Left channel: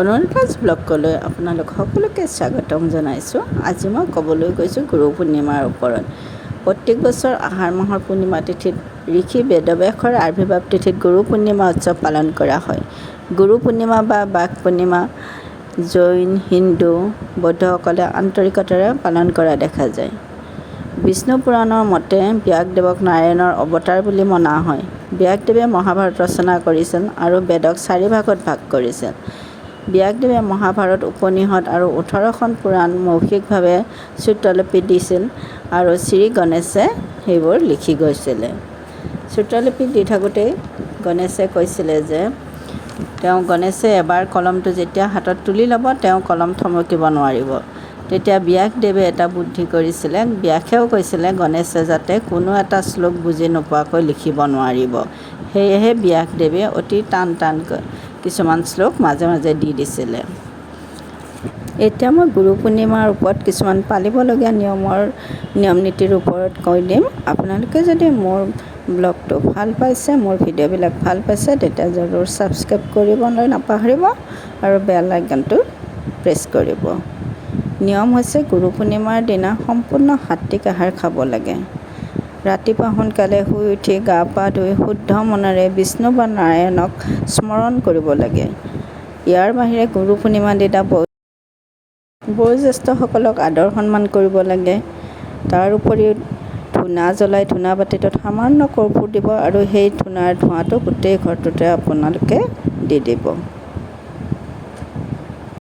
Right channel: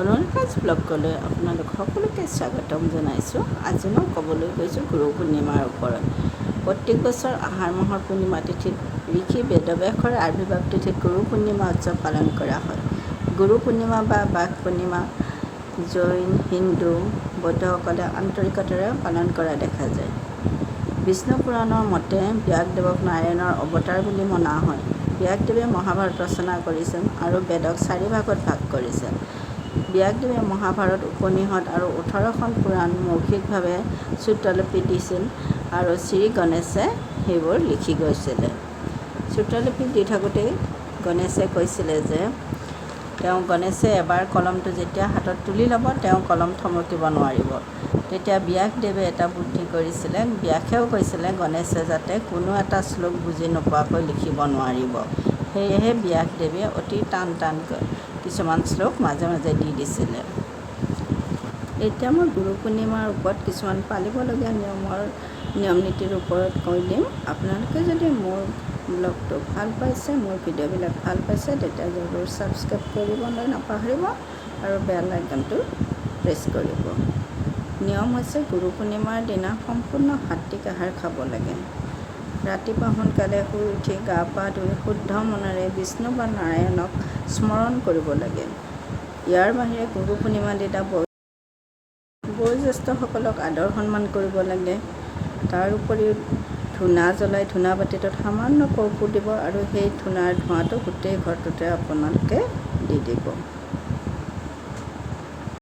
অনুৰাধাজ ব্লগলৈ আপোনালোক সকলোকে স্বাগতম জনাইছোঁ। আজি মই ক'বলৈ গৈছোঁ গুৰু পূৰ্ণিমাৰ ওপৰত। প্ৰত্যেক বছৰ আহাৰ মাহৰ পূৰ্ণিমা তিথিত ঋষি বেদব্যাসৰ আৱিৰ্ভাৱ তিথিত গুৰু পূৰ্ণিমা উৎসৱ পালন কৰা হয়। গুৰু পূৰ্ণিমা বা বাঘ পূৰ্ণিমা জৈন, হিন্দু, বৌদ্ধসকলে আন্তৰিকতাৰে পালন কৰা দেখা যায়। বিষ্ণু পুৰাণৰ মতে ব্যাসদেৱক নাৰায়ণৰ অৱতাৰ বুলি মনা হয়। ব্যাসদেৱে মহাভাৰত ৰচনা কৰিছিল আৰু বেদক 4 ভাগত ভাগ কৰিছিল। ব্যাসদেৱে মহাভাৰত, উপনিষদ আৰু 18খন পুৰাণ মৌখিকভাৱে শ্ৰুতলিপি দিছিল আৰু শ্ৰী গণেশে সেইবোৰ লিখি গৈছিলে। শ্ৰুতলিপি দি থাকোঁতেই গণেশে কৈছিলে যে গণেশে এবাৰ কলমটো যেতিয়া হাতত তুলি ল'ব, তেওঁ কলম থমকিব নোৱাৰিব। তেতিয়া ব্যাসদেৱে এটা বুদ্ধি কৰিছিলে। ব্যাসেও কৈছিলে গণেশে যাতে কোনো এটা শ্লোক বুজি নোপোৱাকৈ লিখিব নোৱাৰিব। সেয়েহে ব্যাসদেৱে অতি টানকৈ কিছুমান শ্লোক মাজে মাজে দি দিছিলে। এতিয়া মই গুৰু পূৰ্ণিমাৰ ওপৰত কিছুমান পালিবলগীয়া নিয়ম নীতিৰ ওপৰত কৈ দিম। আপোনালোকে যদি মোৰ ব্লগটো ভাল পাইছে, মোৰ ভিডিঅ'বিলাক ভাল পাইছে, তেতিয়া জৰুৰ ছাবস্ক্ৰাইব কৰিবলৈ নাপাহৰিব আৰু বেল আইকনটো প্ৰেছ কৰিব। নিয়ম হৈছে গুৰু পূৰ্ণিমাৰ দিনা সম্পূৰ্ণ সাত্বিক আহাৰ খাব লাগে। ৰাতিপুৱা সোনকালে শুই উঠি গা পা ধুই শুদ্ধ মনেৰে বিষ্ণু বা নাৰায়ণক স্মৰণ কৰিব লাগে। ইয়াৰ বাহিৰে গুৰু পূৰ্ণিমাৰ দিনা বয়োজ্যেষ্ঠসকলক আদৰ সন্মান কৰিব লাগে। তাৰ উপৰিও ধূনা জ্বলাই ধূনা বাতিটোত সামান্য কৰ্পূৰ দিব আৰু সেই ধূনাৰ ধোঁৱাটো গোটেই ঘৰটোতে আপোনালোকে দি দিব।